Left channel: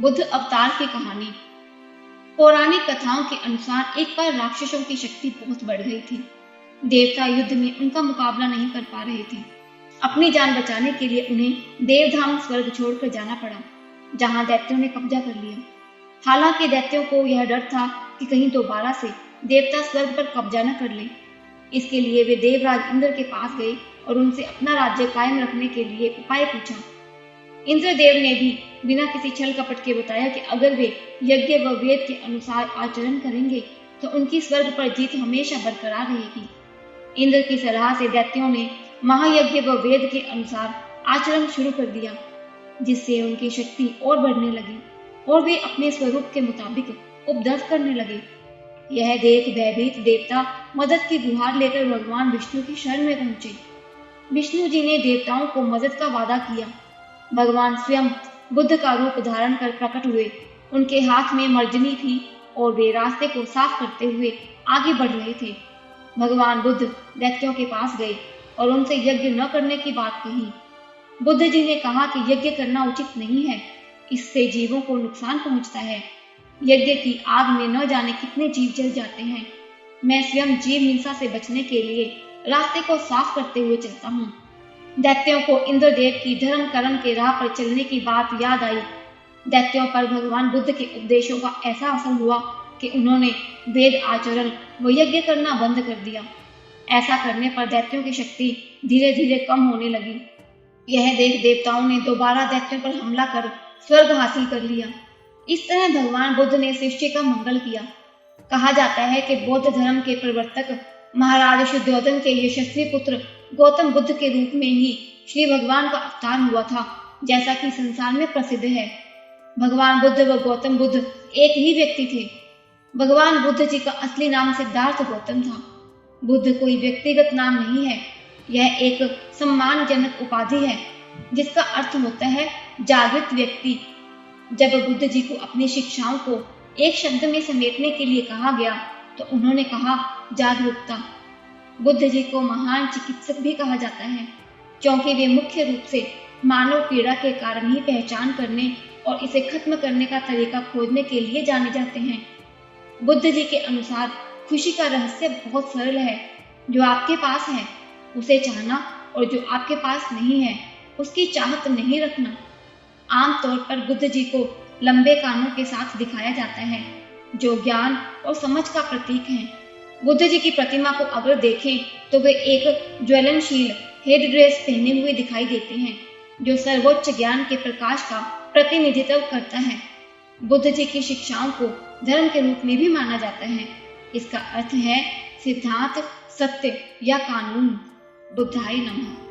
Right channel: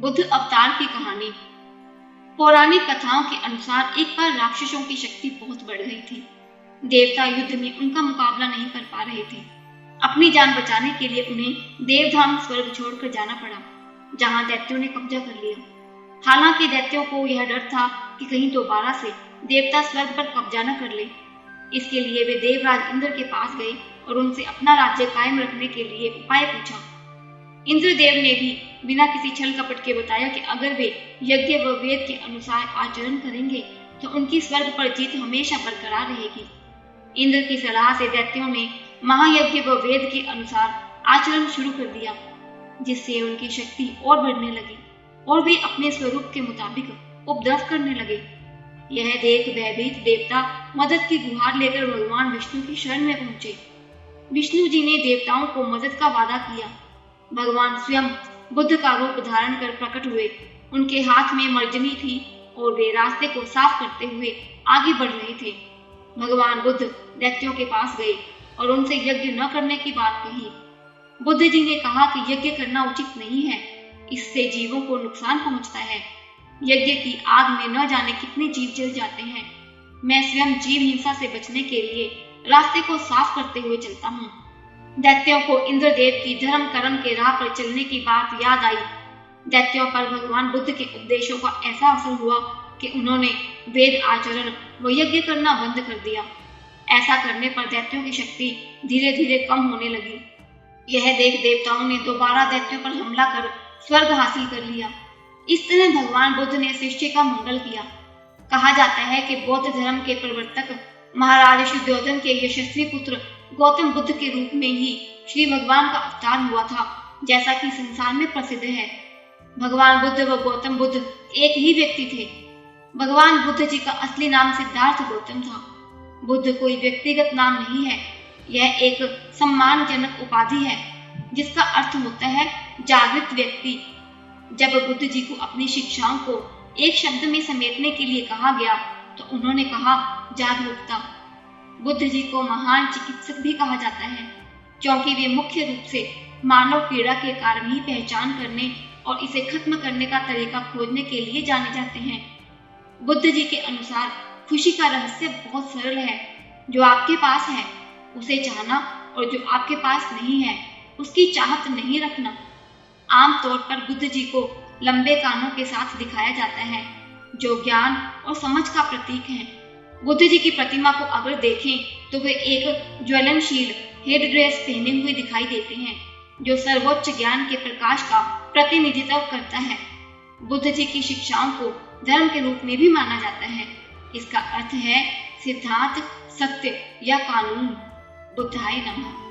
बुद्ध अवतार की कहानी। पौराणिक कथाओं के अनुसार एक बार राक्षसों की शक्ति बहुत बढ़ गई थी। देवता युद्ध में उनका मुकाबला नहीं कर पा रहे थे। अपनी जान बचाने के लिए उन्हें देवधाम स्वर्ग छोड़कर जाना पड़ा, जहां दैत्यों ने कब्जा कर लिया। हालांकि दैत्यों को यह डर था कि कहीं दोबारा से देवता स्वर्ग पर कब्जा न कर ले। इसके लिए वे देवराज इंद्र के पास गए और उनसे अपना राज्य कायम रखने के लिए उपाय पूछा। इंद्रदेव ने भी बिना किसी छल कपट के बताया कि अगर वे यज्ञ व वेद के अनुसार आचरण करेंगे तो उनकी स्वर्ग पर जीत हमेशा बरकरार रहेगी। इंद्र की सलाह से दैत्यों ने महायज्ञ व वेद के अनुसार आचरण शुरू कर दिया, जिससे उनकी शक्ति और बढ़ने लगी और वे अपने स्वरूप के मुताबिक उपद्रव करने लगे। यह देख भयभीत देवता मदद की गुहार लेकर भगवान विष्णु की शरण में पहुंचे। विष्णु जी ने देवताओं को मदद का वादा किया। भगवान स्वयं बुद्ध का रूप धारण कर प्रकट हुए। उनके हाथ में मर्जनी थी और वे रास्ते को साफ करते हुए आगे बढ़ रहे थे। भगवान बुद्ध दैत्यों के पास गए और उनसे यज्ञ न करने की बात कही। बुद्ध जी ने कहा कि यज्ञ करना उचित नहीं है, इससे जीवों को नुकसान पहुंचता है। यज्ञ की आग में न जाने कितने जीव जल जाते हैं। मैं स्वयं जीव हिंसा से बचने के लिए रास्ते को साफ करते हुए चलता हूँ। दैत्यों को इंद्रदेव की धर्म कर्म के राह पर चलने की बात याद आई। दैत्यों पर भगवान बुद्ध के उपदेशों का ऐसा असर हुआ कि उन्होंने वेद आचरण व यज्ञ करना बंद कर दिया। ऐसा करने पर दैत्यों की शक्ति धीरे धीरे कम होने लगी। यह देख देवताओं ने दोबारा दैत्यों पर हमला कर स्वर्ग हासिल कर लिया। इस तरह भगवान बुद्ध ने सृष्टि का मंगल किया। कहा जाता है कि बौद्ध धर्म के प्रवर्तक महाराज शुद्धोधन के यशस्वी पुत्र गौतम बुद्ध के रूप में ही श्री भगवान का अवतार हुआ था, जैसा कि संसार में प्रसिद्ध है। भगवान बुद्ध व गौतम बुद्ध एक ही व्यक्ति थे। भगवान बुद्ध जी का असली नाम सिद्धार्थ गौतम था। बुद्ध कोई व्यक्तिगत नाम नहीं है, यह एक सम्मानजनक उपाधि है जिसका अर्थ होता है जागृत व्यक्ति। जब बुद्ध जी को अपनी शिक्षाओं को एक शब्द में समेटने के लिए कहा गया तो उन्होंने कहा जागरूकता। बुद्ध जी को महान चिकित्सक भी कहा जाता है, क्योंकि वे मुख्य रूप से मानव पीड़ा के कारण ही पहचान करने और इसे खत्म करने का तरीका खोजने के लिए जाने जाते हैं। बुद्ध जी के अनुसार खुशी का रहस्य बहुत सरल है। जो आपके पास है उसे चाहना और जो आपके पास नहीं है उसकी चाहत नहीं रखना। आमतौर पर बुद्ध जी को लंबे कानों के साथ दिखाया जाता है, जो ज्ञान और समझ का प्रतीक है। बुद्ध जी की प्रतिमा को अगर देखें तो वे एक ज्वलनशील हेड ड्रेस पहने हुए दिखाई देते हैं, जो सर्वोच्च ज्ञान के प्रकाश का प्रतिनिधित्व करता है। बुद्ध जी की शिक्षाओं को धर्म के रूप में भी माना जाता है। इसका अर्थ है सिद्धांत, सत्य या कानून। बुद्धाय नमः।